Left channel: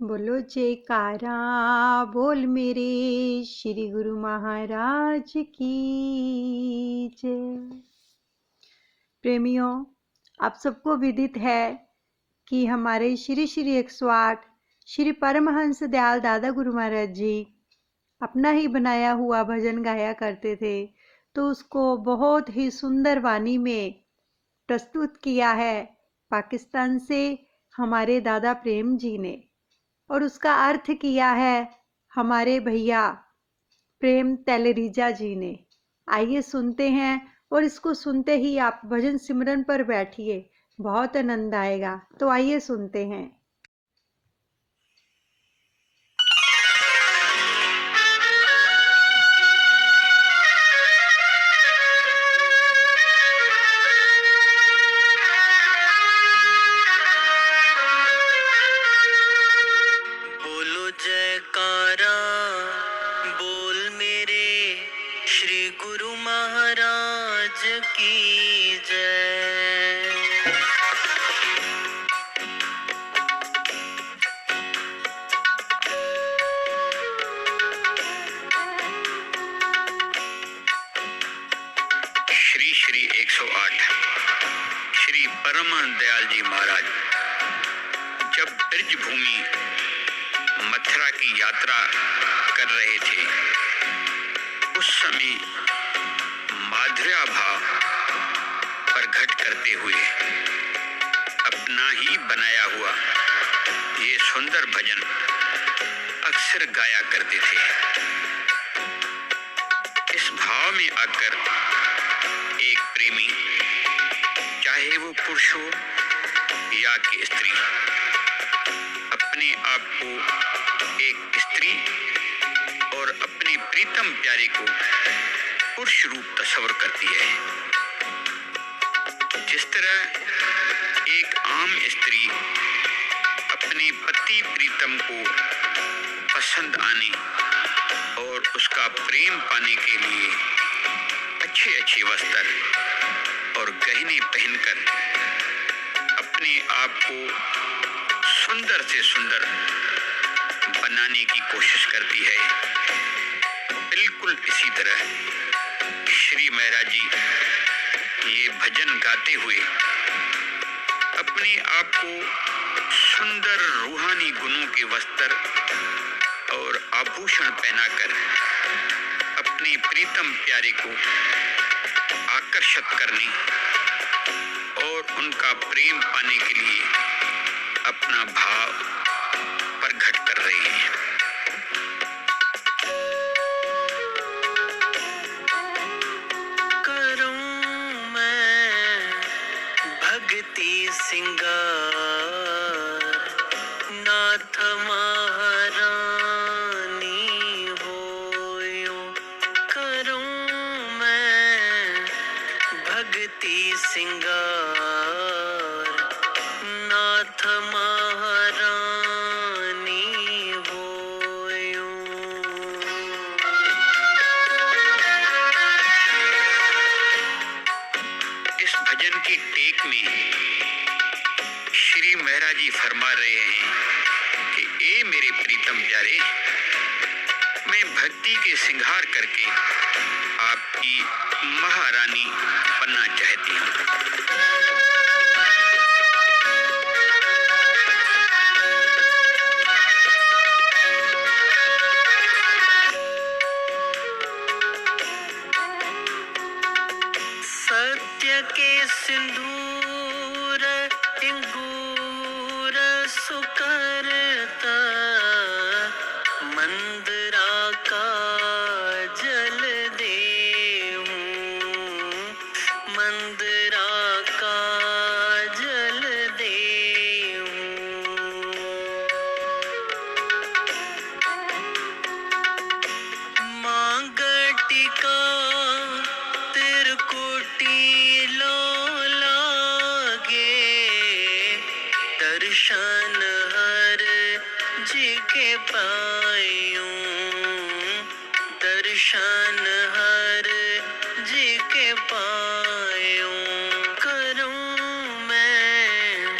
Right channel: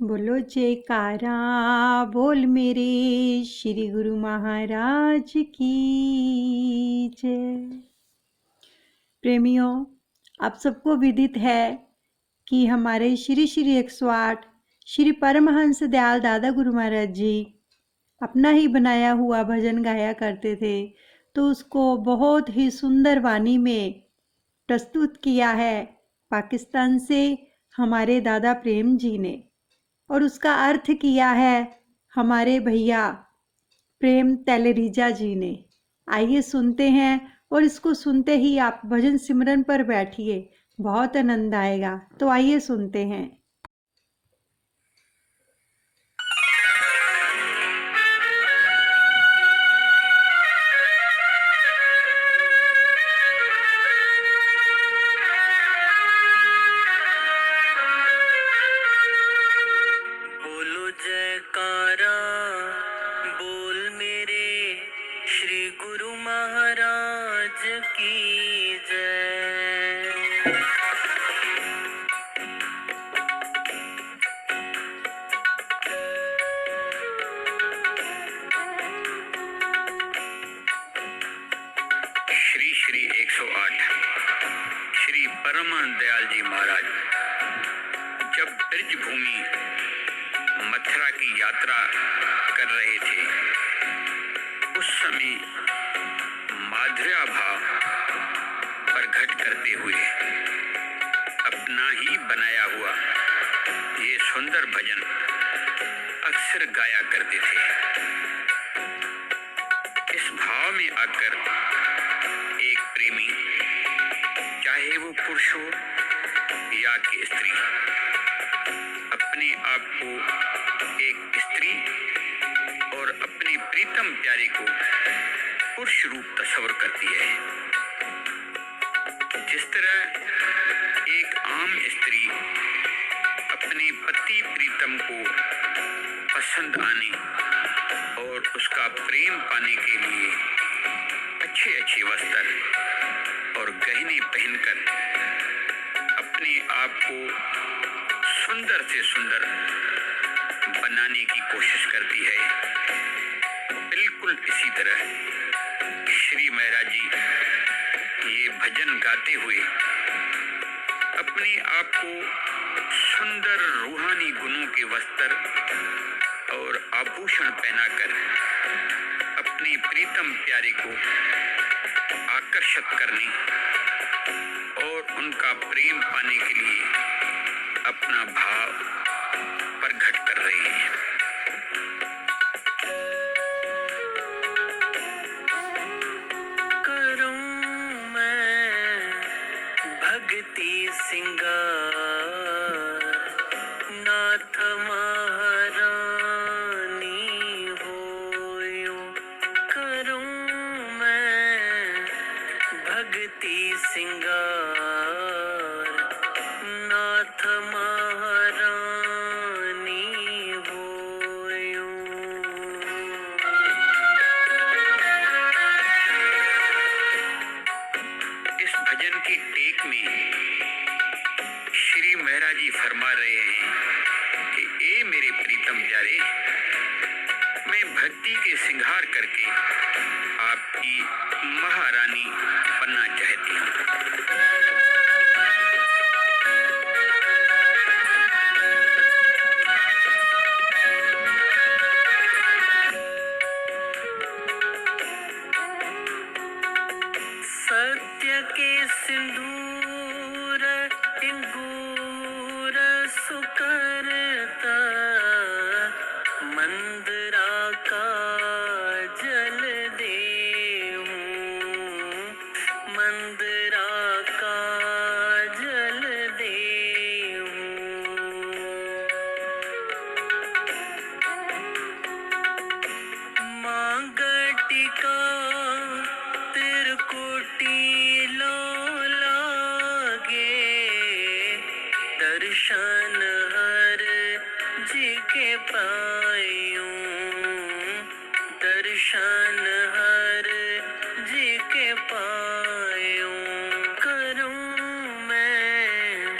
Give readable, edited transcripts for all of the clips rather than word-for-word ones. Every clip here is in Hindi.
बोलो जयकारा बोल मेरे श्री गुरु महाराज की जय। प्रेमियों, आप सबको विदित है कि हमारे श्री श्री 108 श्री परमहंस दयाल दादा गुरु महाराज जी अपना ही बनाया हुआ भजन गाया करते थे, तो उसको बहुत ही सुंदर वाणी में प्रस्तुत किया है पाकिस्तान से हमारे दादा प्रेम जी ने, और उसका अर्थ किया है हमारे भैया प्रेम तेलरीजा जी ने। आइए सुनते हैं, और इसको सुनते ही आप भजन सिमरन पर बैठिए, बहुत आनंद आएगा। तो आइए सुनते हैं। बोलो जयकारा बोल मेरे श्री गुरु महाराज की जय। श्री श्री 108 श्री परमहंस दयाल जी महाराज जब ब्रज भूमि मथुरा की यात्रा कर रहे थे, उस समय माधुर्य भाव प्रकट करते हुए अपना ही बनाया हुआ ये सुंदर भजन अक्सर गाया करते थे। इस भाव में आकर एक प्रेमी, चाहे वो पुरुष हो या कि स्त्री, अपने आप को एक स्त्री और अपने प्रीतम प्यारे को पुरुष रूप तस्वर करती है। जिस तरह एक आम स्त्री अपने पति प्रीतम को पसंद आने और उसका प्रेम पाने के लिए अच्छे अच्छे वस्त्र और गहने पहनकर अपने आप को सुंदर से सुंदर बनाने की कोशिश करती है, बिल्कुल इसी तरह श्री महाराज जी ये भजन गाते हुए अपने आप को सुंदर रूहानी गुणों के वस्त्र और आभूषण पहनाकर अपने प्रीतम प्यारे को आकर्षित करने और उनका प्रेम पाने के लिए अपना भाव प्रकट कर रहे हैं। करूं मैं भक्ति सिंगार, नाथ महारानी होयो। करूं मैं भक्ति सिंगार, नाथ महारानी होयो। इस भजन की टेक में श्री महाराज जी फरमा रहे हैं कि ए मेरे प्रीतम प्यारे, मैं भक्ति के श्रृंगार करके आपकी महारानी बनना चाहती हूँ। सत्य के सिंदूर इंगूर सुकरता, मंदरा का जल देहूं, मंदरा का जल देहूं। मांगटिका तिरकुटी लो लागे, दर्शन हर जी के पायूं, दर्शन हर जी के पायूं। करूं मैं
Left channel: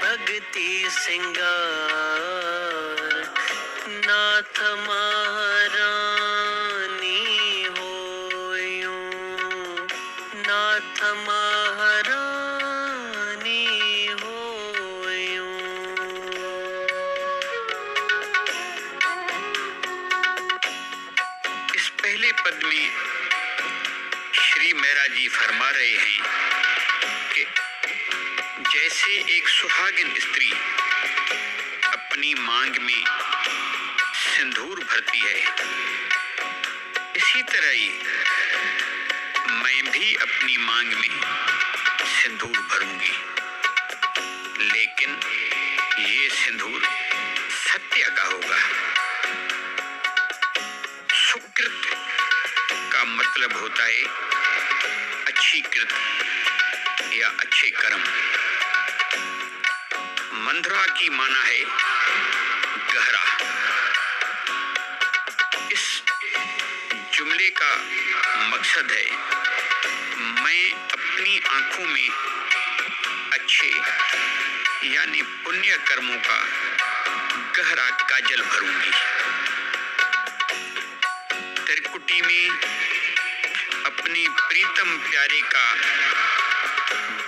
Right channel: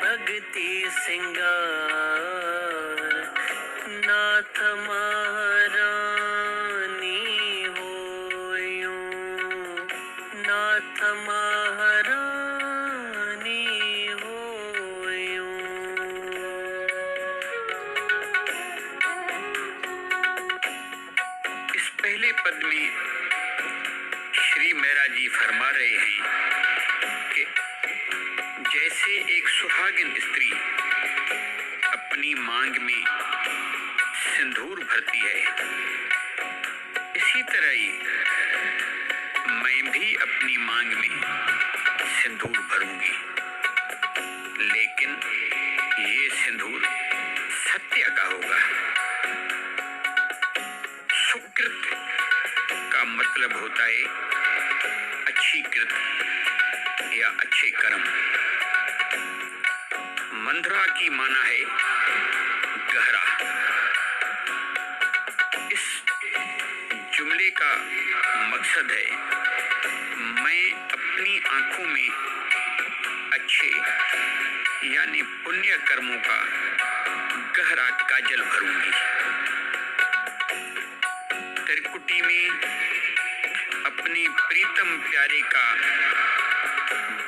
भक्ति सिंगार, नाथ महारानी होयूं, नाथ महारानी होयूं। इस पहले पद में श्री महाराज जी फरमा रहे हैं कि जैसे एक सुहागिन स्त्री अपनी मांग में सिंदूर भरती है, इसी तरह ही मैं भी अपनी मांग में सिंदूर भरूंगी, लेकिन ये सिंदूर सत्य का होगा। सुकृत का मतलब होता है अच्छी कृत या अच्छे कर्म। मंद्रा की माना है गहरा। इस जुमले का मकसद है मैं अपनी आंखों में अच्छे यानी पुण्य कर्मों का गहरा काजल भरूंगी। त्रिकुटी में अपने प्रीतम प्यारे का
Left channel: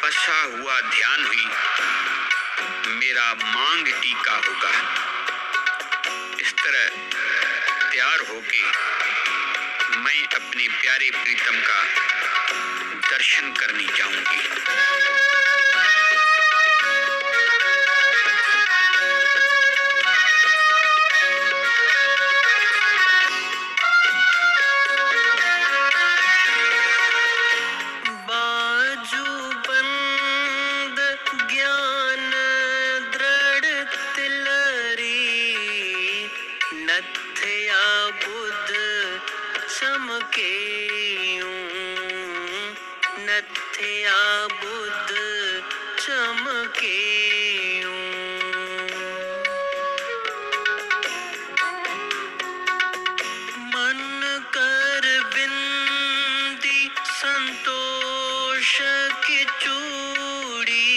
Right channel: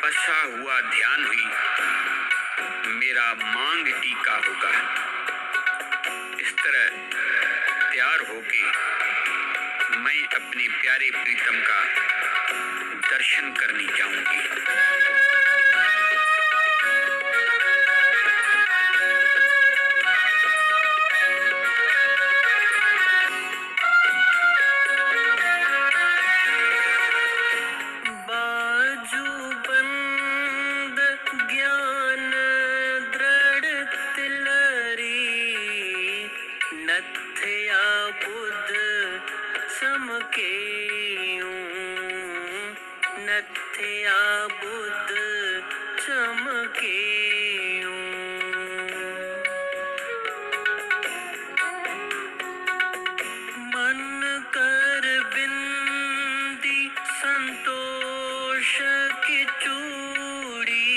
बसा हुआ ध्यान ही मेरा मांग टीका होगा। इस तरह तैयार होके मैं अपने प्यारे प्रीतम का दर्शन करने जाऊंगी। नथया बुध चमकेयूं, मन कर बिंदी संतोष की चूड़ी,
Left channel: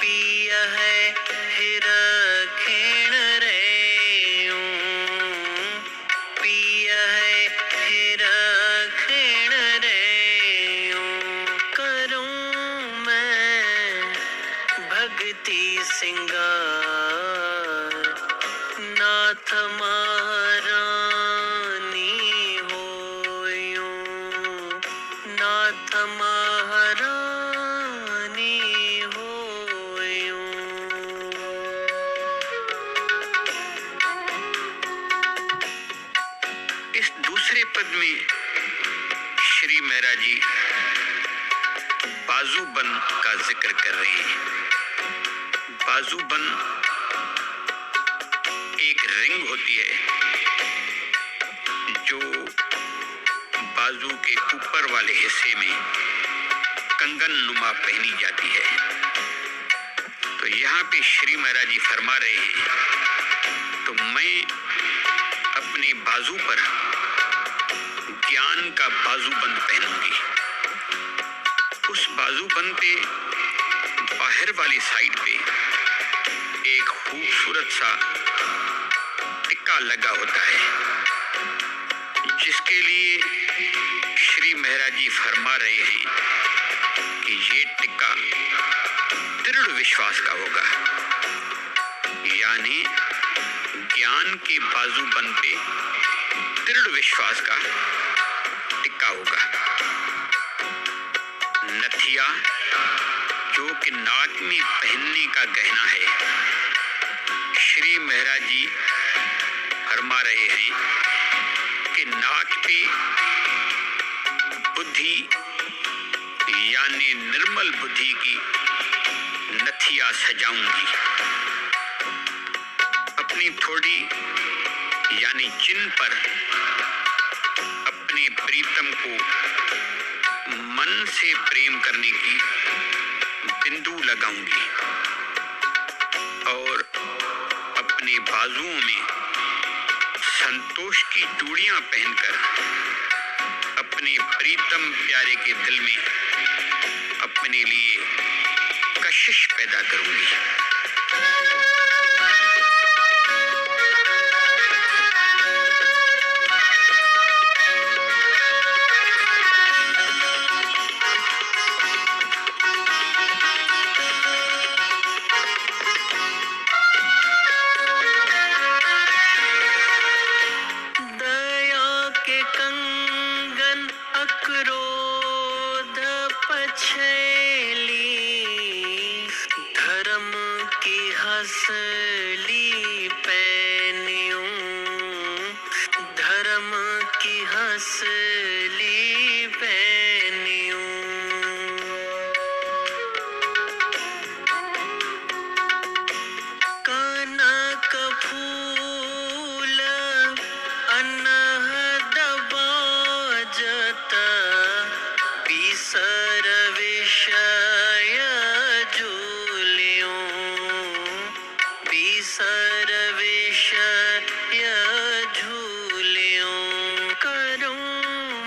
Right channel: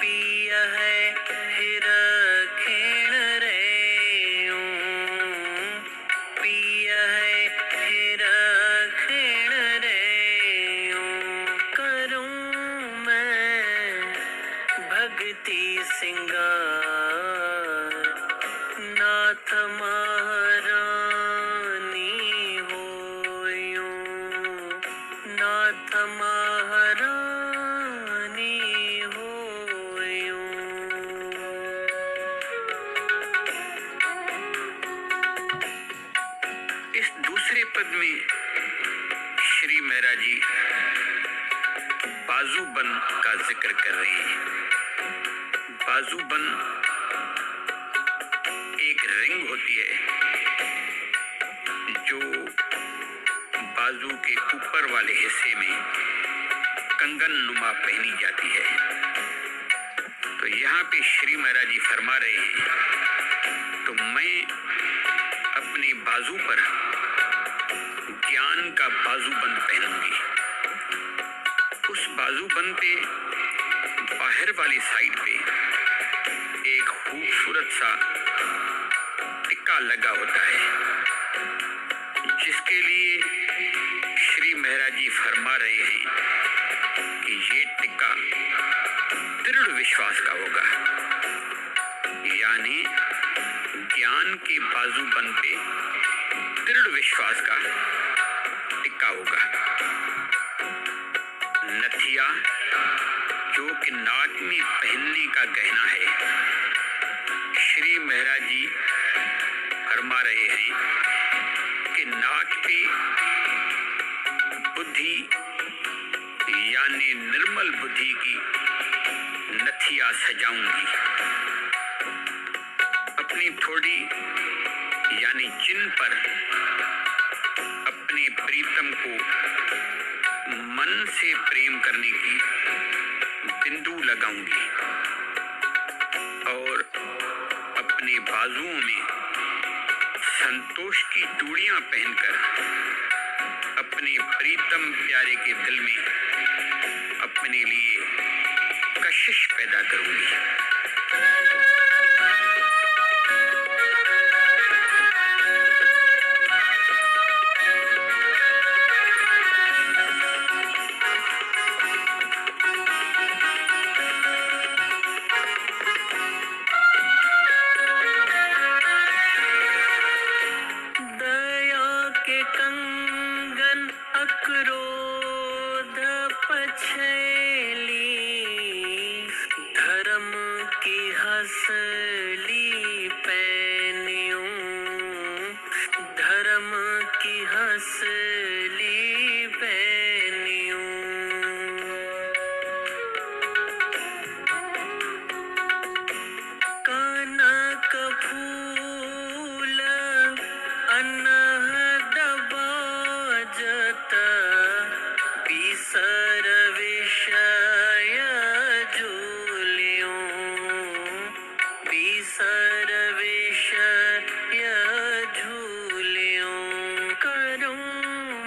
पिय है हिरखेण रेयूं, पिय है हिरखेण रेयूं। करूं मैं भक्ति सिंगार, नाथ महारानी होयूं, नाथ महारानी होयूं। इस दूसरे पद में श्री महाराज जी बाजूबन का जिक्र कर रहे हैं। बाजूबन एक रिंग होती है जो बाजू के ऊपर वाले हिस्से में कंगन नुमा पहनी जाती है। तो यहाँ पे श्री महाराज जी फरमा रहे हैं तो मैं अपने बाजू पर ज्ञान का बाजूबंद पहनूंगी। उस बाजूबंद पे बाहर वाली साइड पे एक खूबसूरत सा टिक्का लगा होता है, जिसके लिए श्री महाराज जी फरमा रहे हैं कि ये टिक्का दृढ़ विश्वास का होगा, यानी ज्ञान के बाजूबंद पे दृढ़ विश्वास का टिक्का होगा। नथिया जो कि नाक में पहनने का गहना है, श्री महाराज जी फरमा रहे हैं कि नाक पे बुद्धि यानी निर्मल बुद्धि की नथिया सजाऊंगी। अपनी थोड़ी यानी चिन्ह पर अपने प्रीतम को मन से प्रेम करने की बिंदु लगाऊंगी और अपने बाजुओं में संतोष की चूड़ियां पहनकर अपने प्रीतम प्यारे के दिल में अपने लिए कशिश पैदा करूंगी। हंसली पैनियों, धर्म की हंसली पैनियों। कनक फूल अनहद बाजत, बिसर विषय झूलियों, बिसर विषय झूलियों। करूं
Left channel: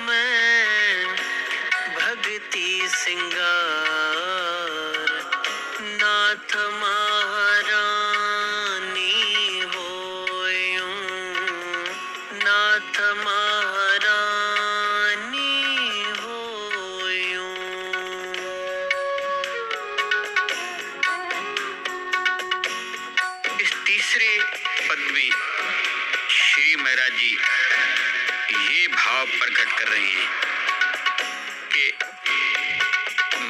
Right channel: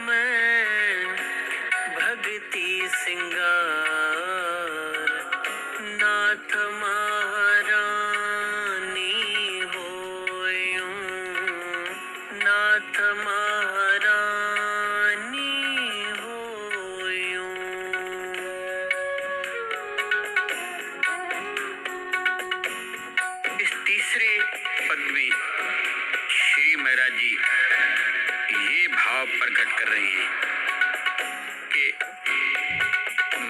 मैं भक्ति सिंगार, नाथ महारानी होयूं, नाथ महारानी होयूं। इस तीसरे पद में श्री महाराज जी ये भाव प्रकट कर रहे हैं कि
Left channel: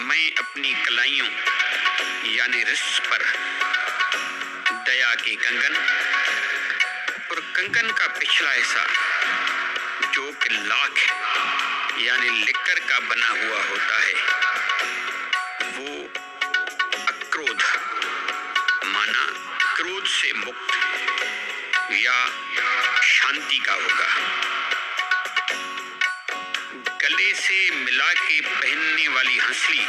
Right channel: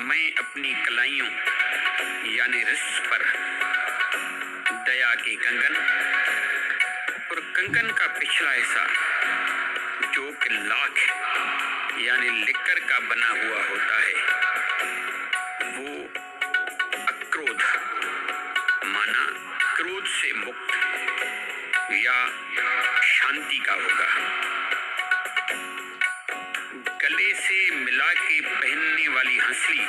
मैं अपनी कलाइयों यानी रिश्त पर दया के कंगन और कंगन का पिछला हिस्सा जो कि लाख यानी लिक्कर का बना हुआ होता है, वो अक्रोध माना क्रोध से मुक्त या शांति का होगा। गले से मिला के पहनने वाली हंसली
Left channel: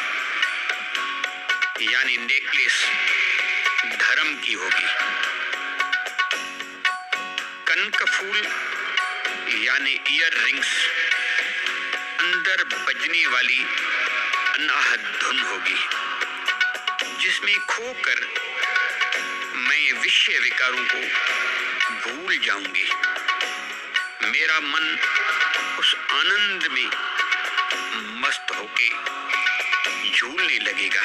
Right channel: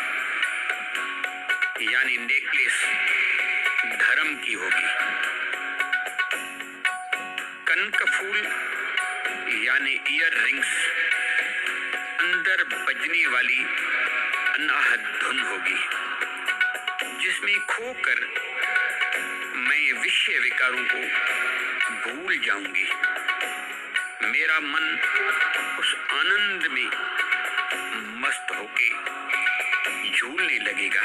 यानी नेकलेस धर्म की होगी। कनक फूल यानी ईयर रिंग्स अंदर बजने वाली अनाहत धुन होगी, जिसमें खोकर मैं विषय विकारों को भूल जाऊंगी। मेरा मन उस आनंद में मस्त होके झूलने लगेगा।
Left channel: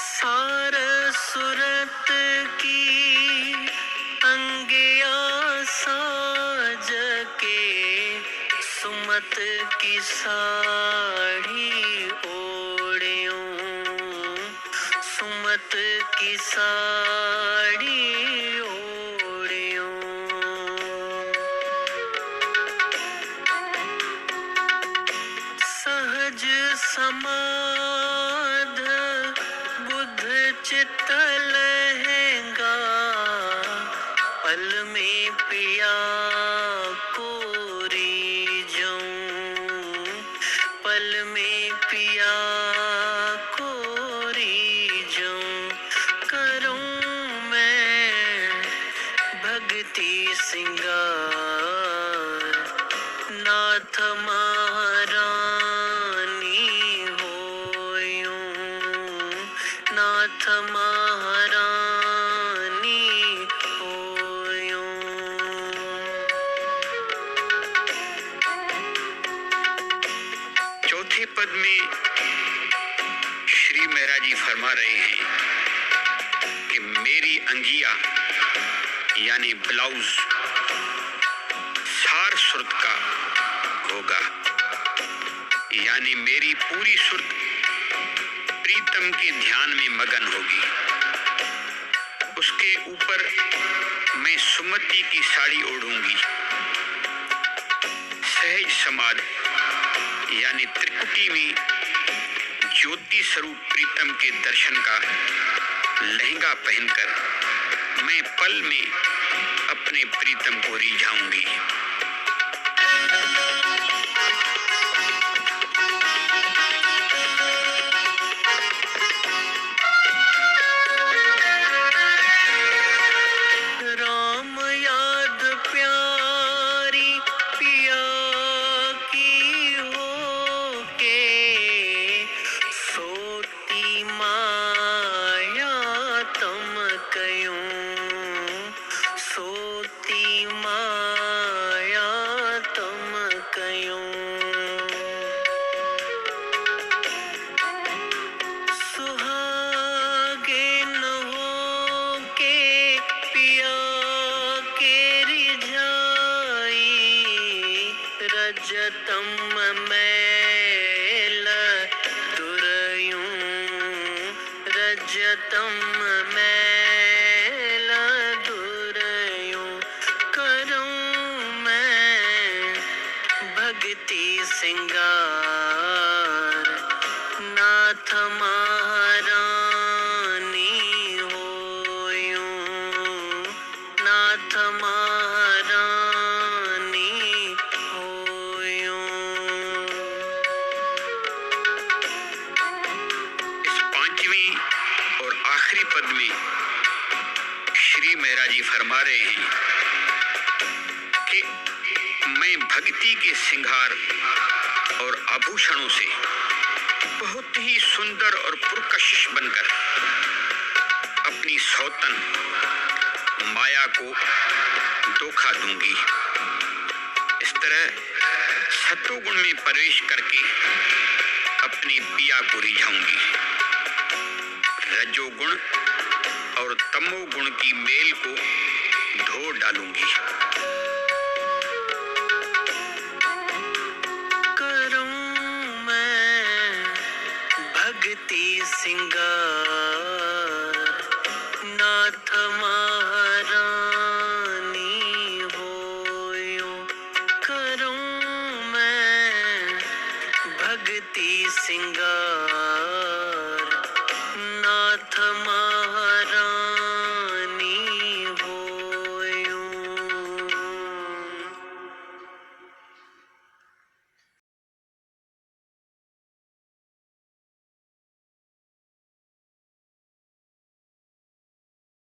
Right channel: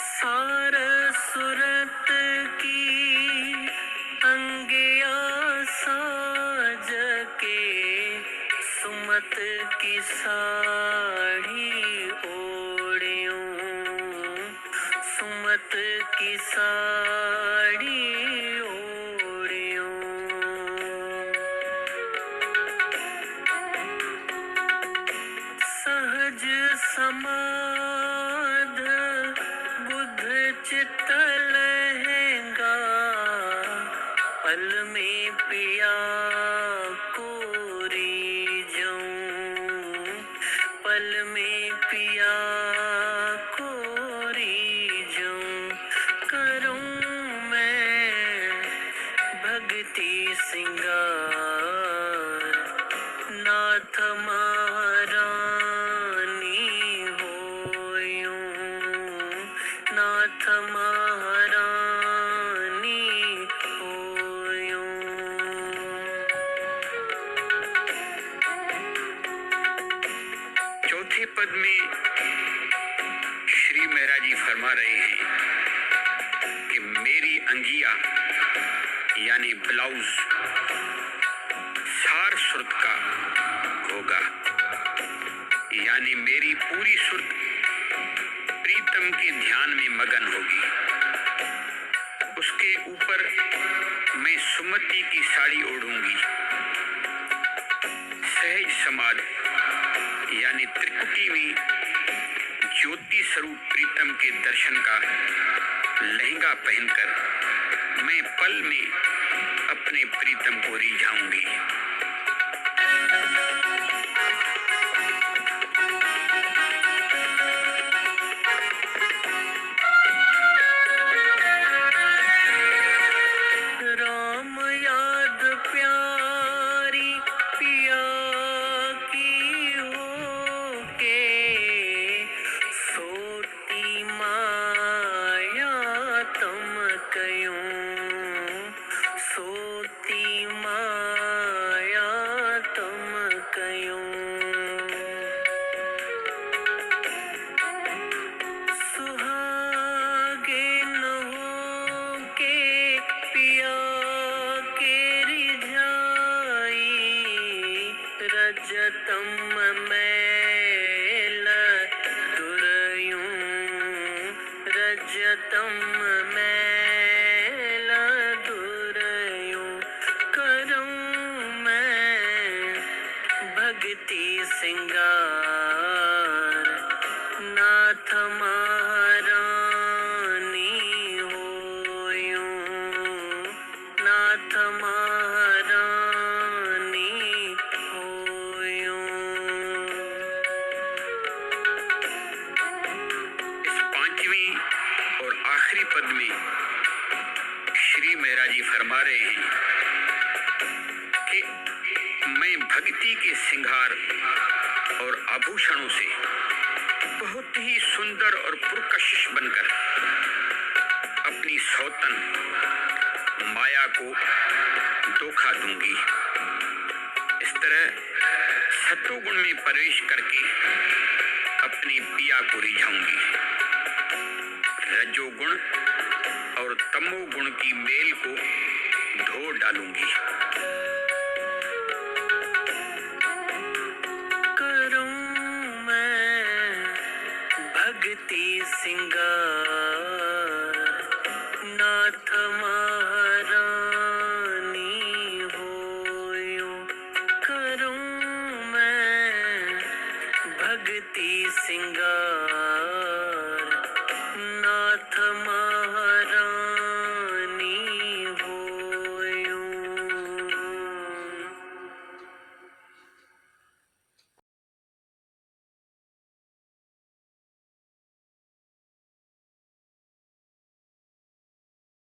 सार सूरत की अंगिया साज के, सुमत की साड़ी ओढ़ियों, सुमत की साड़ी ओढ़ियों। सहज समाध बुध चित्त लहंगा, पल में पिया को रीझूं, पल में पिया को रीझूं। करूं मैं भक्ति सिंगार, नाथ महारानी होयूं, नाथ महारानी होयूं। चौथे पद में श्री महाराज जी फरमा रहे हैं कि मेरी अंगिया यानी ब्लाउज सार सुरत का होगा, यानी मेरी पूरी सुरत प्रीतम के ध्यान में मगन होगी। उसके ऊपर मैं सुमति की साड़ी ओढ़ूंगी। सहज समाध यानी त्रिकुटी में ज्योति स्वरूप प्रीतम के दर्शन का लहंगा पहनकर मैं पल में अपने प्रीतम को रिझाऊंगी। राम याद प्यारी पिया की हो के, सोती माया तम कयूं, सोती माया प्रियतम मैला दुरयूं करूं मैं भक्ति सिंगार नाथ महारानी होयूं नाथ महारानी होयूं। इस पांचवी और आखिरी पद में श्री महाराज जी फरमा रहे हैं कि मैं भक्ति के श्रृंगार और आभूषणों से बहुत ही सुंदर और पुरकशिश बनकर अपनी सौतन माया को धोखा दूंगी। इस तरह सत्वगुण में प्रवेश करके अपने पिया को रिझाऊंगी। रजोगुण और तमोगुण की मेल को धो डालूंगी। करूं मैं भक्ति सिंगार नाथ महारानी होयूं करूं मैं भक्ति सिंगार नाथ